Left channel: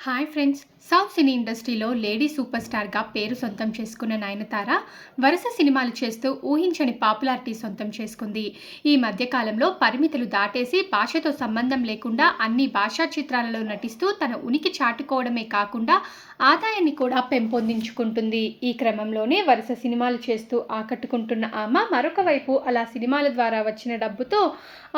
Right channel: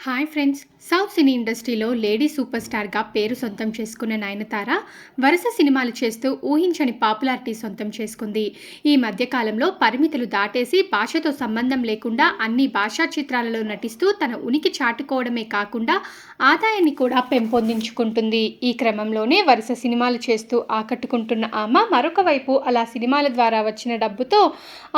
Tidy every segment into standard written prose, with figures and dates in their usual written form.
Hi friends. South సినీ ఇండస్ట్రీలో lady super స్టార్గా పేరు సొంతం చేసుకున్న నయనతార వరుస సినిమాలు చేస్తూ ఊహించని పాపులారిటీ సొంతం చేసుకుంది. ఈ మధ్యకాలంలో పరిమితులు దాటేసి భాషతో సంబంధం లేకుండా అన్ని భాషా చిత్రాలలో నటిస్తూ తన ఉనికి చాటుకోవడమే కాకుండా ఆదాయాన్ని కూడా పెంపొందించుకుంటుంది. ఈ క్రమంలోనే వరుస సినిమాలు చేస్తూ ఆకట్టుకుంటున్న ఆమె మరొక వైపు అలా సినిమాల ద్వారా వచ్చిన డబ్బుతో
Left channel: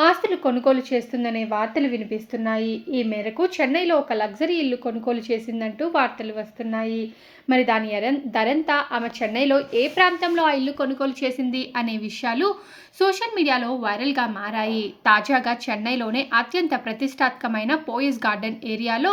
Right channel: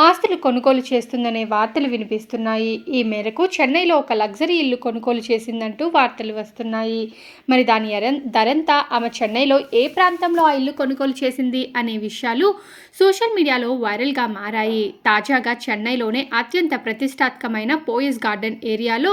ఆస్తులు కొనుగోలు చేస్తుందనే వార్తలు వినిపిస్తున్నాయి. ఈ మేరకు చెన్నైలో ఒక లగ్జరీ ఇల్లు కొనుగోలు చేసిందంటూ వార్తలు వస్తున్నాయి. మరి దాని ధరంతా ఆమె చెన్నైలో ఏ ప్రాంతంలో ఆ ఇల్లు కొనుగోలు చేసింది అనే విషయాలు సోషల్ మీడియాలో వైరల్గా మారాయి. తాజాగా చెన్నైలోనే అత్యంత ప్రతిష్టాత్మకమైన పోయస్ గార్డెన్ ఏరియాలో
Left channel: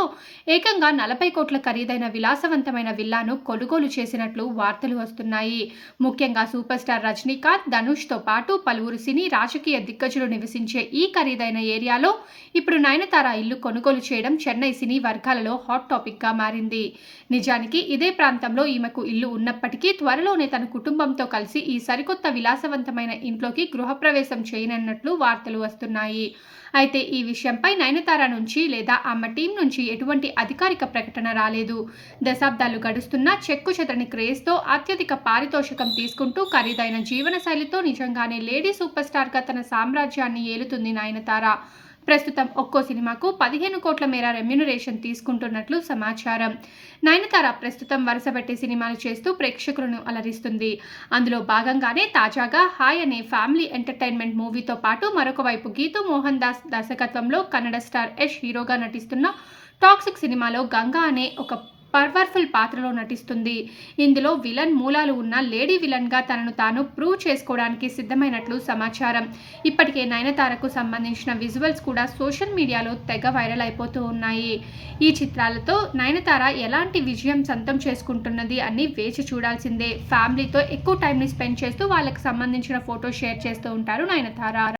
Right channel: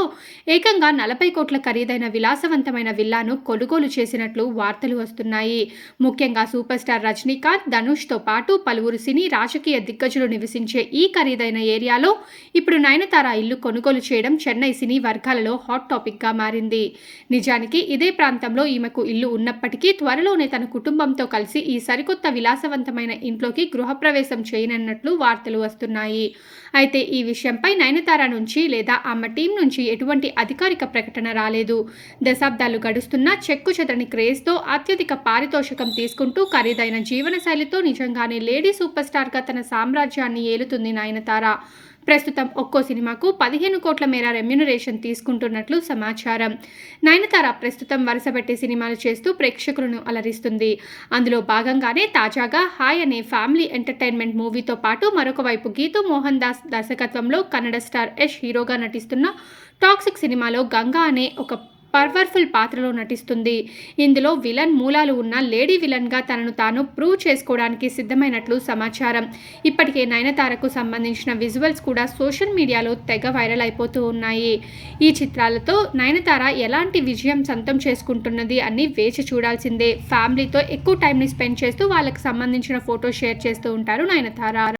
ఏకంగా 40 కోట్ల ఖరీదైన విలాసవంతమైన విల్లాను కొనుగోలు చేసినట్లు వార్తలు వస్తున్నాయి. ముఖ్యంగా సూపర్ స్టార్ రజనీకాంత్, ధనుష్తో పాటు పలువురు సినీ రాజకీయ దిగ్గజులు నివసించే ఈ ఖరీదైన ఏరియాలో ఇప్పుడు నయనతార ఇల్లు కొనుగోలు చేయడం చెన్నై సినీ వర్గాలలో హాట్ టాపిక్గా మారింది. నిజానికి ఇదే ప్రాంతంలో ఈమెకు ఇల్లు ఉన్నప్పటికీ త్వరలోనే తన కుటుంబంతో కలిసి ఈ సరికొత్త విలాసవంతమైన ఇంట్లోకి గృహప్రవేశం చేయనున్నట్లు వార్తలు వస్తున్నాయి. అయితే ఈ విషయంపై నయనతార నుంచి లేదా ఆమె టీం నుంచి ఎటువంటి అధికారిక ప్రకటన రాలేదు. దశాబ్దాలు గడుస్తున్నా చెక్కు చెదరని క్రేజ్తో అత్యధిక పారితోషికం తీసుకుంటూ ఖరీదైన జీవనశైలితో నిజంగానే లేడీ సూపర్ స్టార్గా తన సామ్రాజ్యాన్ని ఏలుతుంది నయనతార. ప్రస్తుతం ఒక్కో సినిమాకు 15 కోట్ల మేర రెమ్యునరేషన్ తీసుకుంటున్నట్లు సమాచారం. నయనతార ప్రస్తుతం వరుసపెట్టి సినిమాలు చేస్తూ ప్రేక్షకులను అలరిస్తుంది. అందులో భాగంగానే తాజాగా హాయ్ అనే ఫ్యామిలీ ఎంటర్టైన్మెంట్ మూవీతో పాటు మరొక వైపు గీతూ మోహన్ దాస్ దర్శకత్వంలో కన్నడ స్టార్ యష్ హీరోగా నటిస్తున్న టాక్సిక్ సినిమాలో గంగా అనే ఒక పవర్ఫుల్ పాత్రలో నటిస్తుంది. ఇందులో విలన్ మూలాలు ఉన్న లేడీ విలన్గా తనను తాను ప్రూవ్ చేసుకోవడానికి సిద్ధమైనట్లు సమాచారం. ఇప్పటికే నయనతారకు సంబంధించిన విజువల్స్ కూడా సోషల్ మీడియాలో తెగ వైరల్ అయిపోతూ ఉన్నాయి. ఈ చిత్రాలతో నయనతార ఎలాంటి విజయం సొంతం చేసుకుంటున్నది అని వేచి చూడాల్సిందే. ఫ్యామిలీతో ఎక్కువ టైంని స్పెండ్ చేస్తూ వాళ్ళకి సంబంధించిన ఫోటో షేర్ చేస్తూ ఉంటారు నయనతార.